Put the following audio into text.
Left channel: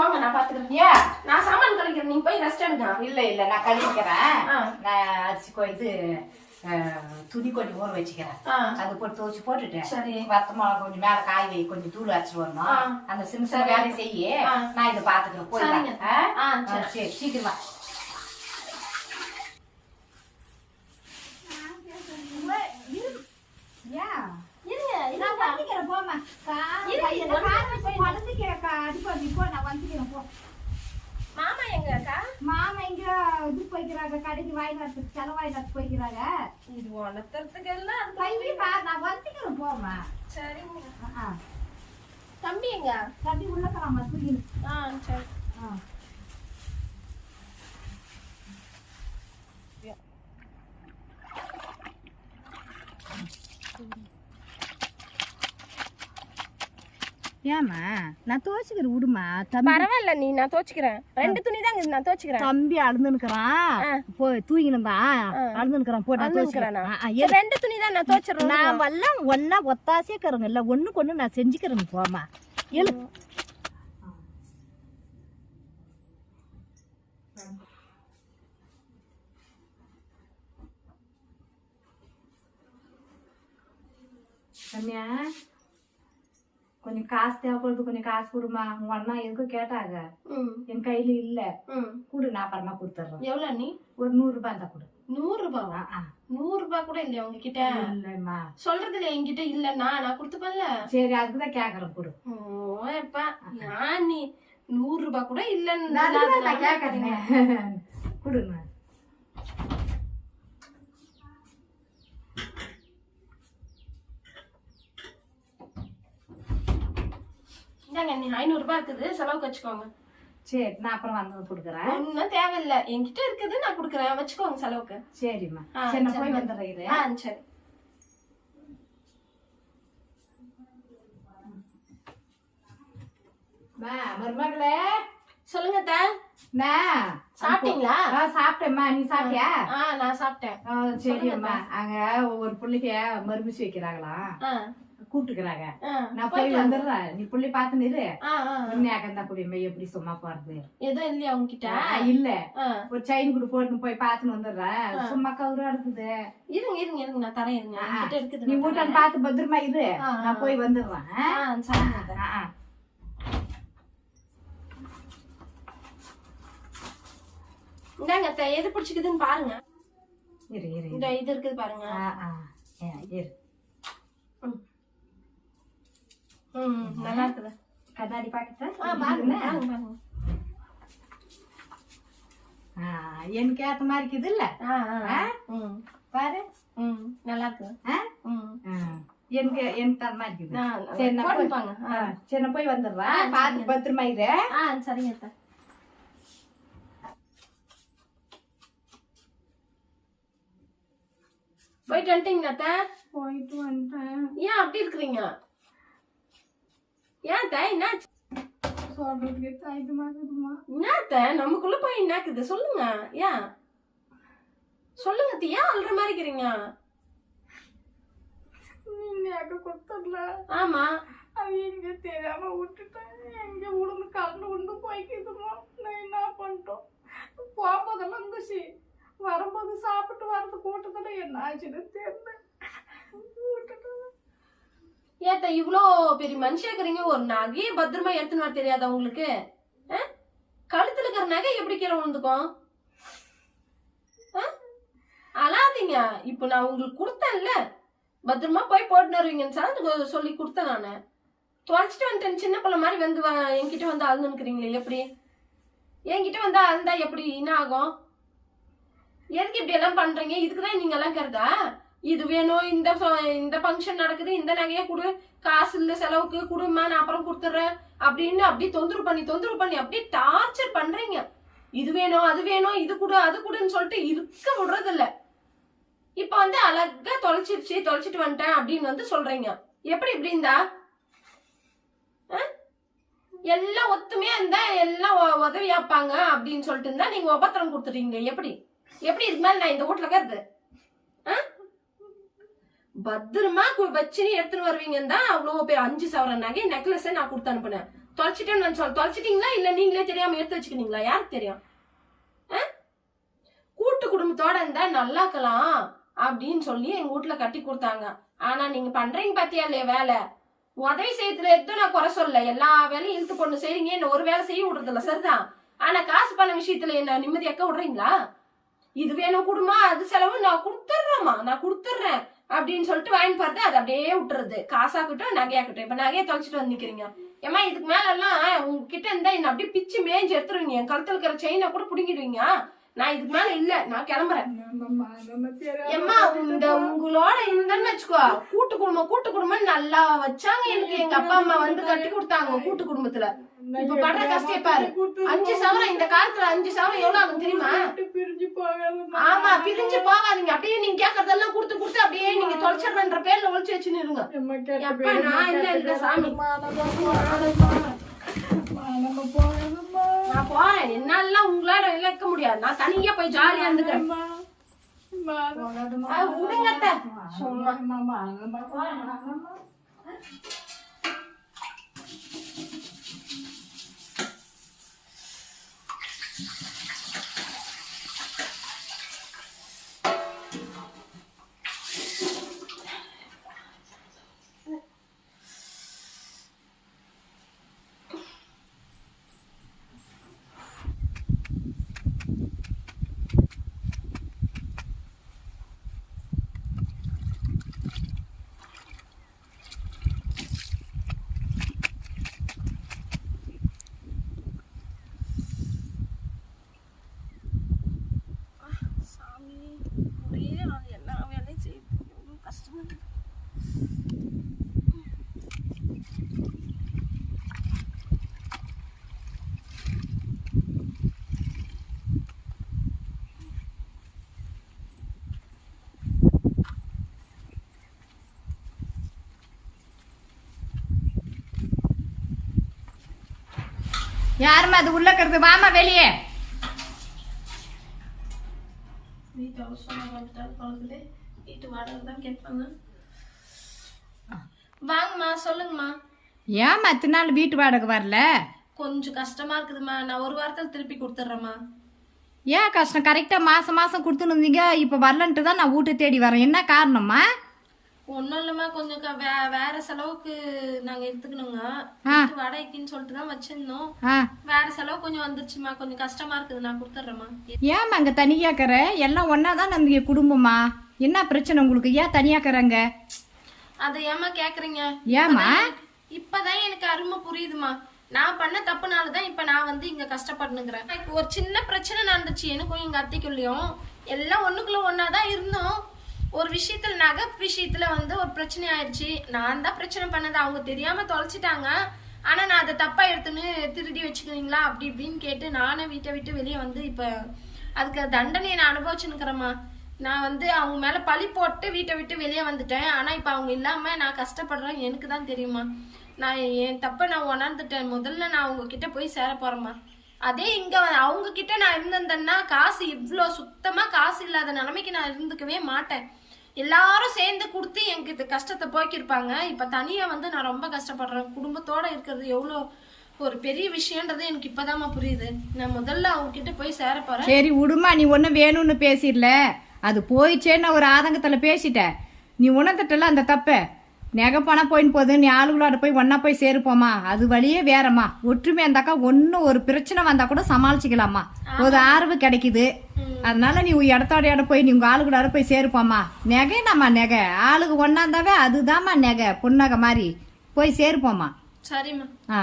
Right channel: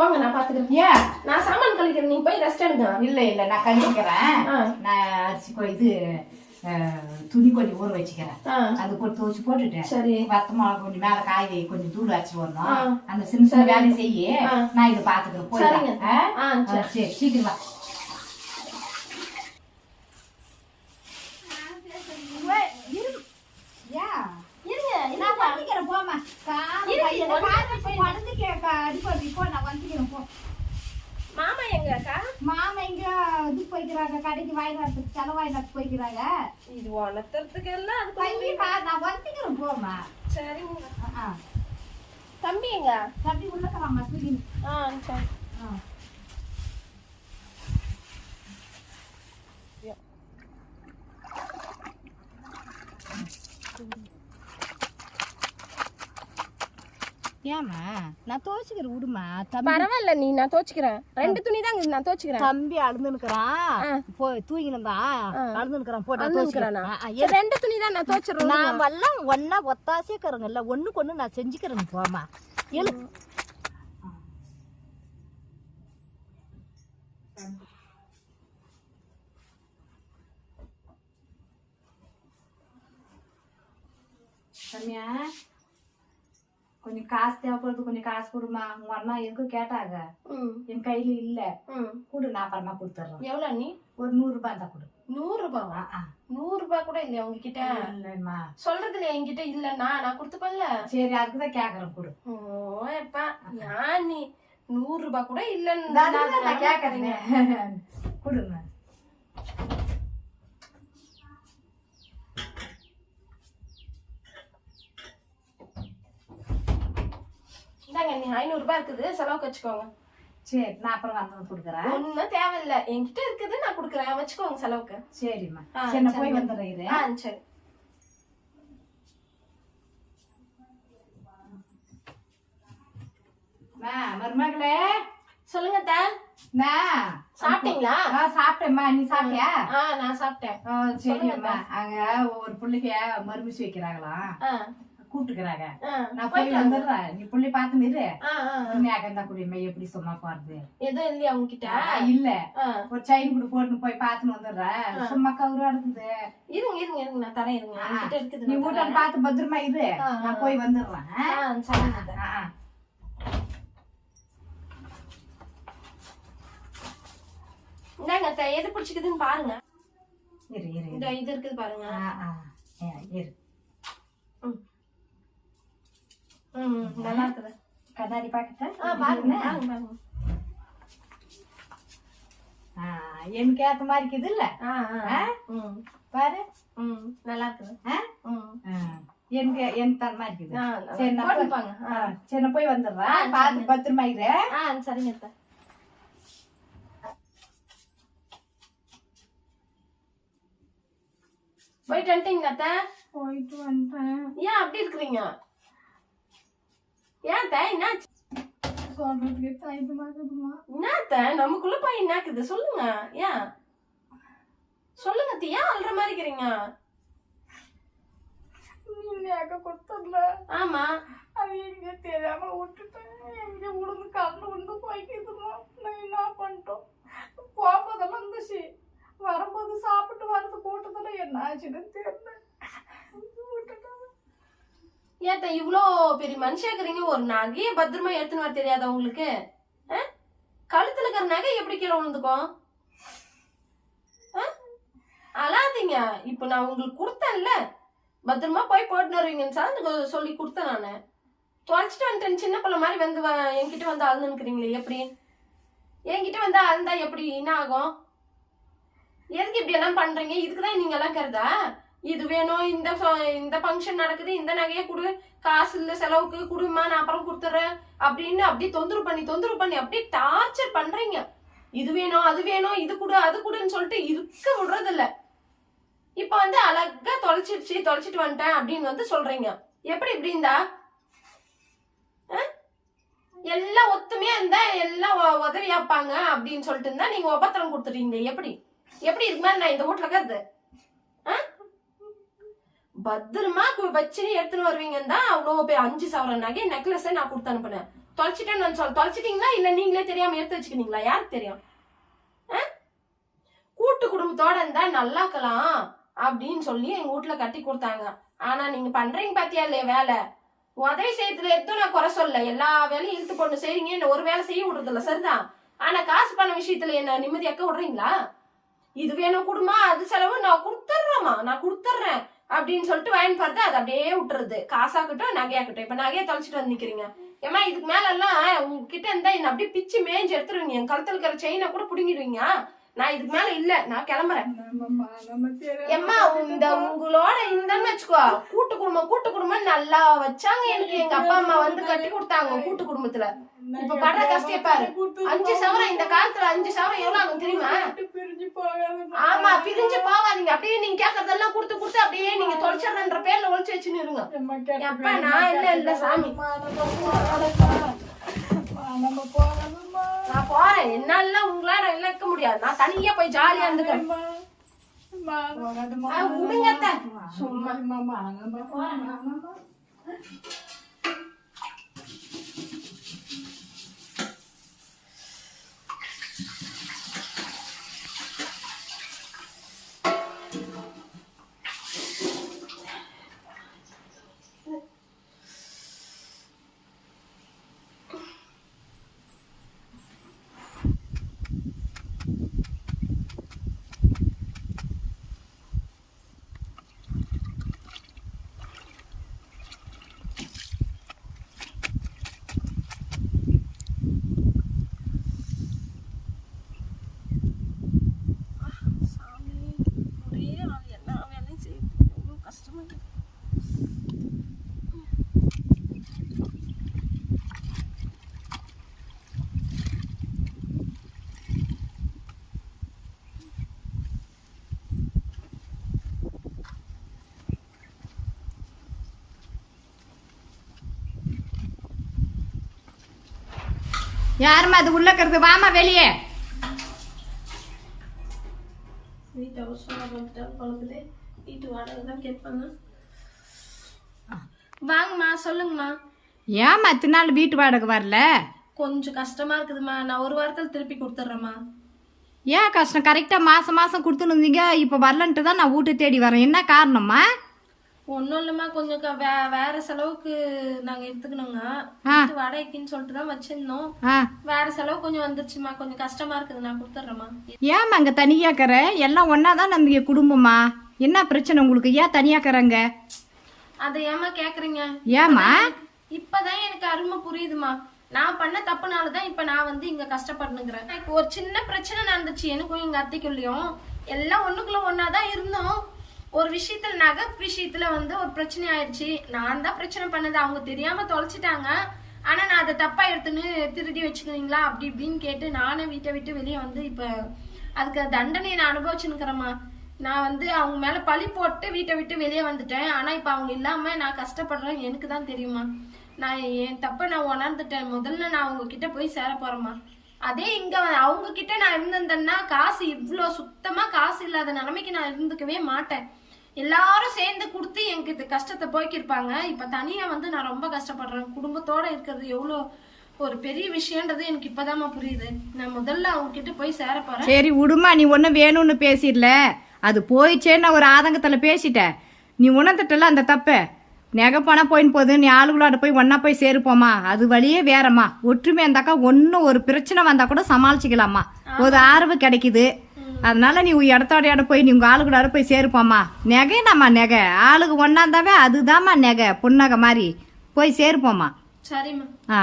போங்க நான் பாத்துக்கிறேன் ஏன் நான் சாமான் கழிக்கிறேன். நீங்க போய் ரெஸ்ட் எடுங்க. இல்ல இல்ல நான் கழிக்கிறேன். நான் அரிசி கொ- இது துணி கொஞ்சம் ஊற வச்சுக்கிறேன். அது போட்டு துவச்சு போட்டுட்டு சரி. வத்த மிளகா கொஞ்சம் மேல காய் வை கொஞ்சம் தூள் அரைச்சிட்டு வரணும். அந்த சரி. வேலையை செய்ய. நான் இதை பாத்துக்கிறேன் சரிங்க. போய் ஆ, சரி. சீக்கிரமா. இருங்க நான் இருங்க போமா காலை அடிப்படி போ நான் வந்துக்கிறேன் போ மாமா எங்க அக்கா? மாமா இங்க இது போய்க்கிறாங்க கடைக்கு வாங்கினத்துக்கு செலவாயினத்துக்கு போய்க்கிறாங்க. இது உணர்த்துறதுக்கு எல்லாம் அது பையன் நான் வந்துக்கிறேன் போமா சரிங்க. ஆ. தம்பி எங்க? தம்பி உள்ளக்கலாமா தூக்கி ஆ சரி. ஆ. ஏமா நான் துவைச்சிக்கிறேன் விடுமா தம்பி பரவாயில்ல நீ நான் தோச்சுக்கிறேன் ரெண்டு துணி தாங்க நான் தோச்சுக்கிறேன் தம்பி அழுந்துனுக்குறான் போய் தூங்கினந்தான் அழுந்துனுக்குறான் போட்டு அழுந்துனுக்குறானா? துவைச்சிக்கிறேன். ரெண்டு துணி தான் நான் தோச்சிடுறேன் நான் எல்லாம் ஒன்னா ஒத்தாசே கருங்கல்ல ஒண்ணுக்கு ஒண்ணு நான் செஞ்சுக்கிறேங்க போமா எழு ரம்யா கொஞ்சம் காசு தேவைப்படுது கொஞ்சம் காசு கொடுமா. உங்க அண்ணா எதுக்கும் கேட்டாங்க. என் கையில இல்ல. கொடு நான் அப்புறமா கொடுத்துட்றேன் எவ்வளோ நீ ஒரு நூறு ரூபாய் இருந்தா கொடு. நூறு ரூபாவா. நூறு ரூபாய் கூட இல்லையா உங்ககிட்ட? இல்லைம்மா. சொல்றதுல என்கிட்ட? இல்லன்னா நான் கொடுத்துப்பல்ல சரி அதுக்கு தான் கேக்குறேன் கொடு. ஓ எப்பா. நான் நீ நூறு ரூபாய் கூட இல்லன்னு கேக்குறேன். கொடுங்க. இந்தாங்க நீ ஐநூறு ரூபாய் இருக்குது செலவுக்கு வச்சுக்கோங்க. சரி நான் அப்புறம் வந்து கொடுக்குறேன். ஒன்றும் தேவையில்ல. என்கிட்ட இருக்குது நான் கொடுக்குறேன். வச்சுக்கோங்க செலவுக்கு. சரிம்மா. சரி நான். போய் வந்துடுறேன். ஆ சரி. மருமகளே. சொல்லுங்க. அம்மா, சாப்பிட்டீங்களா? சாப்பிட்டேம்மா. நீ சாப்பிட்டியா? நான் சாப்பிட்டேன். சரி அம்மா அங்க ஒரு பிள்ளைக்கு மறுபிச்சு வைக்கிறாங்களாம். ஆ. கூப்பிட்டுக்கிறாங்க நான் போய் வந்துடுறேன். நீ புள்ளி பார்த்து நிறு. உண்மையாக குடிமை எப்படி சும்மா போறது? எதுவும் இல்லையா உங்ககிட்ட இல்ல. ஒரு செயின் கூட போட்டு போய் பார்த்துன்னு வந்துடுறேன். சும்மா கவுரா இருக்குது இருங்க இருங்க இருங்க. நான் தரேன் இருங்க. இருக்குது நீ தரேன். பார்த்து பத்திரமா ஆ, நான் போய் வந்துடுறேன். சரிங்க. இந்தாங்க எது பிடிச்சிக்குதுன்னு பாருங்க. இரு இரு இது இருக்குது பாருங்க. இரு. நல்லா இருக்குது. கண்ணாடி பாக்கட்டா எனக்கு ஏத்த மாதிரி இருக்குது இல்ல ஆ. ஆ? ம். பாரு. ம் நல்லா இருக்குது. எனக்கு எனக்கு தர மாதிரி இருக்குது. ஆ, சரி நான் போய் போட்டுப்பாங்க. ஆ, சரி நான் போய் வந்துடுறேன். பார்த்து பத்திரமா இரு. ஆ சரிங்க அத்தை. போயிட்டு வந்துட்டீங்களா அத்தை? போயிட்டு வந்துட்டேன். ஏன் அப்படி இருக்கிறீங்க? ஏன் அத்தை என்ன சொல்றதுக்கு தயக்கமா இருக்குதுமா என்ன அத்தை நமக்குள்ள போய் என்னக்குது? சொல்லுங்க. ஏன் சொல்லுங்க அத்தை, ஏன் அல்ற மாதிரி இருக்கிறீங்க? நீங்க அக்க கொடுத்ததுல. ஆமா. அது எங்க தெரியாம விட்டுட்டேன். எங்க உளுந்து கண்ணு உளுந்து போய்க்குதுமா நான் என்ன பண்ணிட்டோம்? போகும்போதெல்லாம் இருந்துச்சு வரும்போது சாப்பிட்டு வரது கூட்டத்துல என்ன ஆச்சுன்னு தெரியல ஏத்த இவ்வளோ பெரிய மனுஷா இருக்கிறீங்க ஒரு நகையை பத்திரமா எடுத்துன்னு வர தெரியாதா உங்களுக்கு? ஆ? கழுத்துல இருக்கிற நகை எப்படி கீழே விழுந்துக்கும்? ஆ? அழாதீங்க. இப்போ நான் உங்களுக்கு கொடுத்தேன்ல. பத்திரமா போய் போட்டு வருவீங்கன்னு சார் சொல்லி கொடுத்தேன் நான். தொலைச்சிட்டு வந்துட்டேன். சின்ன பிள்ளை மாதிரி வந்து வ- என்கிட்ட வந்து அழுந்துக்கிறீங்களே எப்படி? என்கிட்ட வந்து அழுந்தா எப்படி? என்ன ஆகும்? எதுக்கு இப்படி எல்லாம் பண்றீங்க? இதுக்கு தான் நீங்க எல்லாம் கருதா? இது வேணும் இந்த இந்த ஃபங்க்ஷன் நடக்குது இந்த நகையை கொடு காசு இல்ல செலவுக்கு குடுமா நான் அப்புறம் கொடுத்துட்றேன் அப்படின்னு அப்படியே தொந்தரவு பண்ணி தொந்தரவு பண்ணி அப்படியே டார்ச்சர் பண்றீங்க. இது வேணும் அது வேணும் இது கொடு அது கொடுன்னு சொல்லிட்டு இருக்க விடுறது இல்ல இப்ப வந்து அழகா தொலைச்சிருச்சு தொலைச்சிட்டு வந்துட்டேன் அப்படின்னு வந்து சொல்றீங்க. எப்படி இப்படி இருந்தா? ஆ? எல்லாம் ஒத்துமையா இருந்தா எல்லாம் உதவியாப்பாங்க அப்படின்னு சொல்லிட்டு இருந்தா நீங்க உபத்திரம் கொடுத்துட்டீங்க எப்படி? எப்படி இது மாதிரி நான் இந்த வீட்டுல கருது? பத்திரமா வச்சுன்னு எடுத்துன்னு வருவீங்கன்னு தான் அவ்வளோ பேர் அஞ்சு சவர நகை நெக்லஸை நான் கொடுத்து அனுப்புனேன். தொலைச்சிட்டேன்னு நான் சொல் தொலைச்சிட்டீங்களா? இல்ல நீங்களே தெரியாம எடுத்து வச்சுக்கினீங்களா? யாருக்கு தெரியும்? ஆ? கூட்டு குடும்பத்தோட இருந்தா நல்லாக்கலாம் அப்படின்னு சொல்லி எங்க வீட்ல கட்டி கொடுத்தாங்க. ஆனா நீங்க பண்றீங்க பாத்தியா இல்லையா வேலை? உதவி செய்யறதுல எதுவும் நான் குறை சொல்ல எல்லா வேலையும் இழுத்து கொண்டு செய்றீங்க. என்ன ஒரு வேலை செய்ய விடுறது இல்ல சரிதான் ஆனா காசு பண விஷயத்துல என்ன நிம்மதியாக்க விடுறீங்களா? இது வேணும் குடுமா அது செலவு நான் கொடுத்துட்றேம்மா நான் கொடுத்துட்றேன் அப்படின்னு சொல்லிட்டு வாங்கி பார்த்து அது அப்படியே விட்டுறது காசாக்கட்டும் நகையாக்கட்டும் இப்போ நகையை தொலைச்சிட்டு வந்து நிற்கிறீங்க ஏமா இதுக்கு மேலெல்லாம் உங்ககிட்ட இருந்தால் என்ன அப்படியே பிச்சு மேஞ்சு எடுத்துருவீங்க. என் கழுத்துல இருக்கிற செயினை கூட பிடுங்கிடுவீங்க. நான் இதுக்கு மேல இல்ல நான் கிளம்புறேன். எம்மா இந்த உங்களோட இருந்தேன்னு வச்சுக்கோ. கூட்டு குடும்பம் கூட்டு குடும்பம் நல்லா வச்சாங்க எனக்கு. எங்க அப்பா அம்மா வந்து கட்டி கொடுத்தாங்க கூட்டு குடும்பத்துல. இப்ப படுற கஷ்டம் பாரு. அஞ்சு சவரம் இந்த காலத்துல அஞ்சு சவரம் எவ்வளவு ஆகும் தெரியுமா? ஆமா பிரிஞ்சு போகாதீங்க. அப்படியே நீங்க கேக்குறதெல்லாம் கொடுத்து கொடுத்து அப்படியே நீங்க தொலைச்சிடுறன்ற பேர்ல ஒழிச்சு வச்சுன்னு இருங்க. நான் இல்ல, இல்ல, சாமி. நம்ம போகாதம்மா நான் போறேன். என்னால உங்களால இழக்க முடியாது. நான் தனியா போய் ஜாலியா இருந்துக்கிறேன். விடுங்க. சும்மா. சாமி ஒரே ஆள் எல்லா வேலையும் செய்யுது எவ்வளோ கஷ்டமா இருக்கு யாரும்மா அது உள்ள இருக்கிறது வாமா வெளியே. வீட்டு வாடகை தான் கேட்பாங்க. வாங்கம்மா சொல்லுங்கம்மா. ஏம்மா இத்தனை நாள் வீட்டு வாடகை வரல? கொஞ்சம் கஷ்டமா இருக்குதும்மா. நான் ஒரு வாரத்தில் திருப்பி கொடுத்துட்றேம்மா. ஏன் கஷ்டம்? கரெக்டாக மாதம் மாதம் கொடுத்துன்னு இருந்தீங்க. இப்போ வரலன்ட்டு தான் நான் வீட்டை தேடி வரேன். என்ன காரணம்மா? ஒன்றும் இல்லைம்மா கொஞ்சம் வே வேற செலவுக்கு நாங்கள் எடுத்துக்கணுங்க வாடகைக்குன்னு சொல்லிட்டு தான் வச்சிருந்தோம். வேற செலவு கொஞ்சம் வந்துருச்சுமா கொஞ்சம் கஷ்டமா இருக்குது நான் கொடுத்துட்றேம்மா. ஏம்மா அங்கே தனியாக்கிற? எல்லாம் ஒன்றா தான் நம்ம குடும்பமா? என்ன பிரச்சனை உங்களுக்கு? ஏன் தனியாக்கிறங்க? அதை ஏம்மா கேக்குறீங்க? ஏம்மா? இப்பதான் எனக்கு அருமை புரியுதுமா நான் பண்ண தப்புனால தான் இப்ப நான் வந்து இங்க கஷ்டப்பட்டுனுக்குறேன் எனக்கு ஒரு சின்ன பிரச்சனை நடந்துச்சு எனக்கும் எங்க அத்தைக்குள்ளயும். எல்லாம் ஒண்ணுக்குள்ள ஒண்ணா தான் இருந்தோம். ஒரு விஷயத்துல நகை விஷயத்துல வந்து ஒரு பிரச்சனை ஆயிடுச்சு நான் தான் பிரச்சனை பண்ணது. அவங்க தெரியாம தொலைச்சிட்டாங்க. ஆனா நான் அதை தப்பா எடுத்துன்னு திருடி வச்சுக்கிறீங்களா? அப்படி இப்படின்னு கேட்டு நானே வீட்டை விட்டு வெளியே வந்து இப்ப அதுக்கு தண்டனையை நான் அனுபவிச்சுன்னுக்கிறேம்மா நான் வந்து அவங்க மேல பழி போட்டு வீட்டை விட்டு வெளியே வந்துட்டேன். ஆனா இப்ப அவங்க இல்லாம நான் கஷ்டப்படுறேன். எனக்கு தான் தெரியுமா நான் என் தப்பை நான் உணர்ந்துட்டேன். முதல்ல நான் அவங்க கிட்ட போய் சேர போறேம்மா. அதே இங்க அவங்க கிட்ட நான் இருந்திருந்தேன்னா காசு இவ்வளோ சுத்தமா காசு இல்லாத நிலைமைக்கு நான் இருந்துக்கவே மாட்டேன். எல்லாரும் சேர்ந்து கொடுத்து எனக்கு இது கஷ்டத்தை போக்கியிருப்பாங்க. இப்ப தனியா வந்து நான் ரொம்ப கஷ்டப்படுறேன். குடும்பத்தோட இருக்கிறது எவ்வளோ ஒரு பெரிய விஷயன்றது எனக்கு இப்பதாம்மா புரியுது. நான் முதல்ல அவங்க கிட்ட போய் சேர போறேன். சரி விடுமா. நீ ஒன்றும் வேணும்னு பேசிடல. அது போயிடுச்சேன்னு நான் ஒரு ஆதங்கத்தில் பேசிட்டேன். நீ உணர்ந்துட்டல அந்த தப்பை? நகை பணம் போயின்னு போகுது. நீ ஆளுகளோட போய் ஒன்றா போய் சேருப்போமா? அது வழியே வேறம்மா. ஒற்றுமை இருந்தாக்கா ஒன்றும் ஒரு பிரச்சனை வந்தால் கூட சமாளிச்சுக்கலாம்மா. ஒரு ஆர்வு கிடைக்குது. அதனால நீ உன் இடத்தோட இடம் போய் நீ உங்கள் ஆளுகளோட போய் சேருப்போம்மா. நகைனாம்மா நகை. ஆளுக்கு ஒன்றா இருந்தாவே அதுதாம்மா நகை. புன்னகை மாதிரி. போய் சேருப்போம்மா. சரிம்மா. ஆ.